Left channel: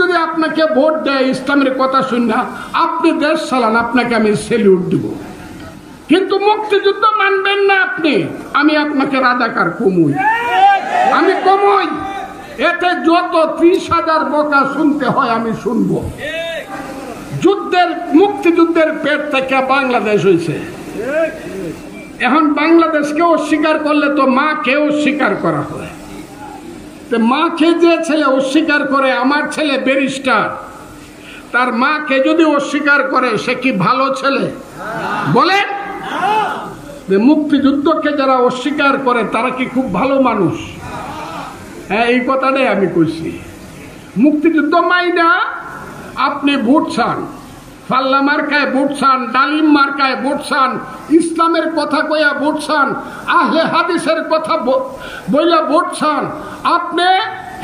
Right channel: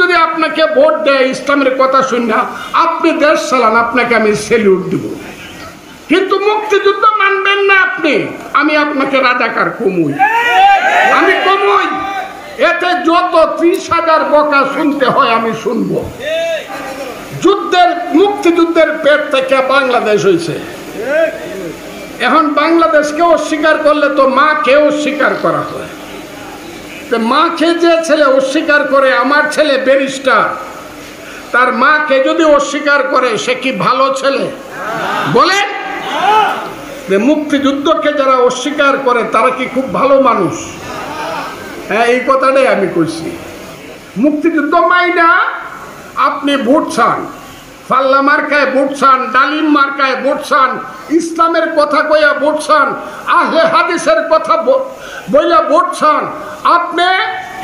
যদি আপনাকে ভোট দেয় ইসলামের কথা শুনে আপনি দেশ চালান, আপনাকে আমি সেলিউট দিব। কিন্তু মুক্তিযুদ্ধ মানবেন না আপনি, আমি আপনাকে রাজাকার কমুই, আমি কমুই। এতে যত 30,000 বকা শুনতে হয় আমি শুনবো। মুক্তিযুদ্ধের পেট থেকে বাংলাদেশ হয়েছে। এখন বাংলাদেশকে অস্বীকার করলে তো মাকে অস্বীকার করা হয়। মাকে যে ছেলে অস্বীকার করে, আমার ছেলে ব্যারিস্টার, তার মাকে যদি অস্বীকার করে সে কি ভালো ছেলে? বলেন, মুক্তিযুদ্ধকে যারা অস্বীকার করে তারা কি খুব ভালো মানুষ? হ্যাঁ, এই কথাটাই আমি কইছি। মুক্তিযুদ্ধ মাইনা আপনি ভোট চান, পাল্লা মার্কায় ভোট চান, ডালিম মার্কায় ভোট চান, ইসলামের কথা কইয়া ভোট চান, আহলে হাদিসের কথা বইলা ভোট চান, আপনি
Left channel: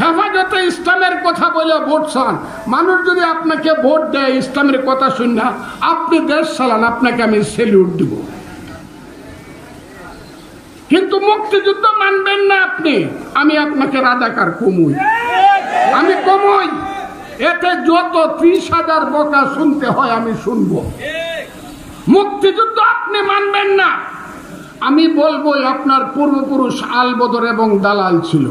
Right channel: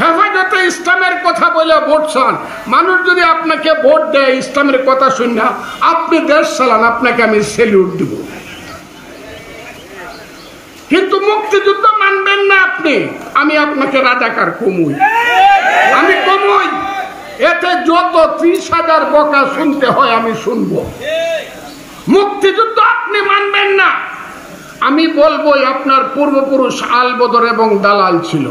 হেফাজতে ইসলামের কথা বলে ভোট চান। মানুষ যদি আপনাকে ভোট দেয় ইসলামের কথা শুনে আপনি দেশ চালান, আপনাকে আমি সেলিউট দিব। কিন্তু মুক্তিযুদ্ধ মানবেন না আপনি, আমি আপনাকে রাজাকার কমুই, আমি কমুই। এতে যত 30,000 বকা শুনতে হয় আমি শুনবো। মুক্তিযুদ্ধ আপনি মানবেন না, আমি বলবো আপনার পূর্বপুরুষ আলবদর এবং দালাল ছিল।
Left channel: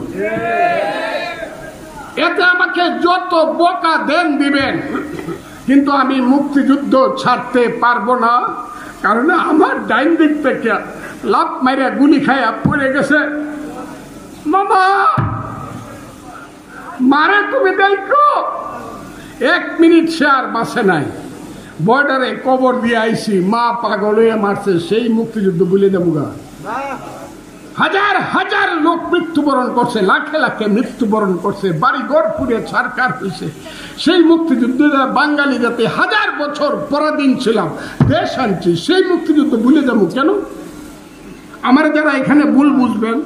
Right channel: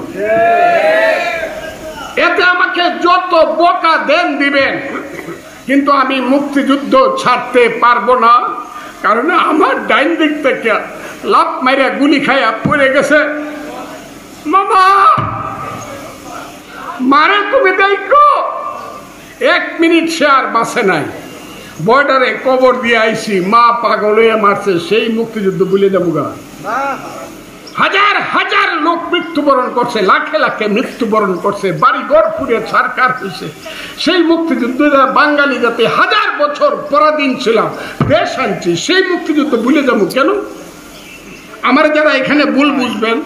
এতে আমাকে যত বকা দেন দিবেন, কিন্তু আমি মুক্তিযুদ্ধ ছাড়তে পারবো না। কারণ আমার ডাইন দিক থেকে লাফ মাইরা গুলি খাইয়া পড়ে গেছে। মামা মারে তুমি দেখো, 1 মিনিট সে আর বাঁচে নাই। বর্ডারে কবর দিয়ে আইছি, মা পাগল হয়ে মারছে, সেই মুক্তিযুদ্ধ ভুলে যাবো গা? হাজার হাজার লোক মৃত্যুবরণ করছে, লাখে লাখে মৃত্যুবরণ করছে, বাড়ি ঘর পুড়ে ছারখার হয়েছে। সেই মুক্তিযুদ্ধ বাঙালি জাতি 1000 বছর পরাধীন ছিলাম, দেশ আনছি, সেই মুক্তিযুদ্ধ ভুলে যাবো কেন? আমার যারা এখানে ভুল বুঝবেন,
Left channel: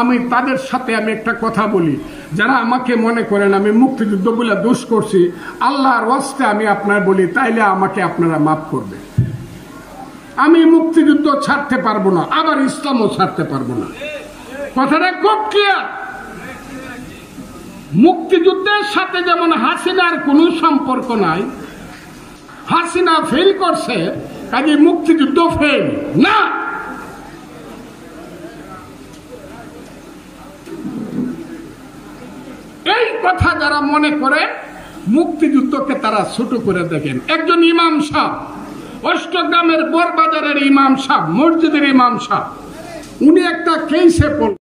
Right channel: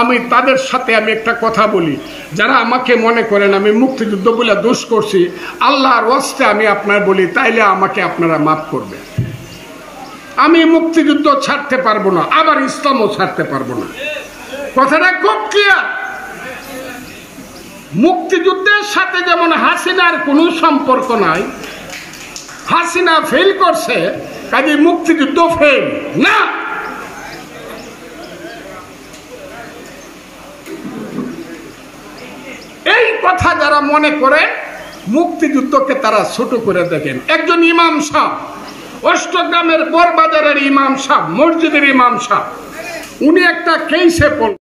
আমি তাদের সাথে আমি একটা কথা বলি, যারা আমাকে মনে করেন আমি মুক্তিযুদ্ধ বলে দোষ করছি, আল্লাহর ওয়াস্তে আমি আপনার বলি, তাইলে আমাকে আপনারা মাফ করবেন। আমি মুক্তিযুদ্ধ ছাড়তে পারবো না, আবার ইসলামও ছাড়তে পারবো না। কথাটা খুব ক্লিয়ার। মুক্তিযুদ্ধের সাথে যেমন হাসিনার কোনো সম্পর্ক নাই, হাসিনা ফেল করছে কাজে মুক্তিযুদ্ধ ফেল না। এই কথা যারা মনে করে মুক্তিযুদ্ধকে তারা ছোট করে দেখেন। একজন ইমাম সাহেব, অষ্টগ্রামের বরবাজারের ইমাম সাহেব, মসজিদের ইমাম সাহেব, উনি একটা কেসে পড়লেন।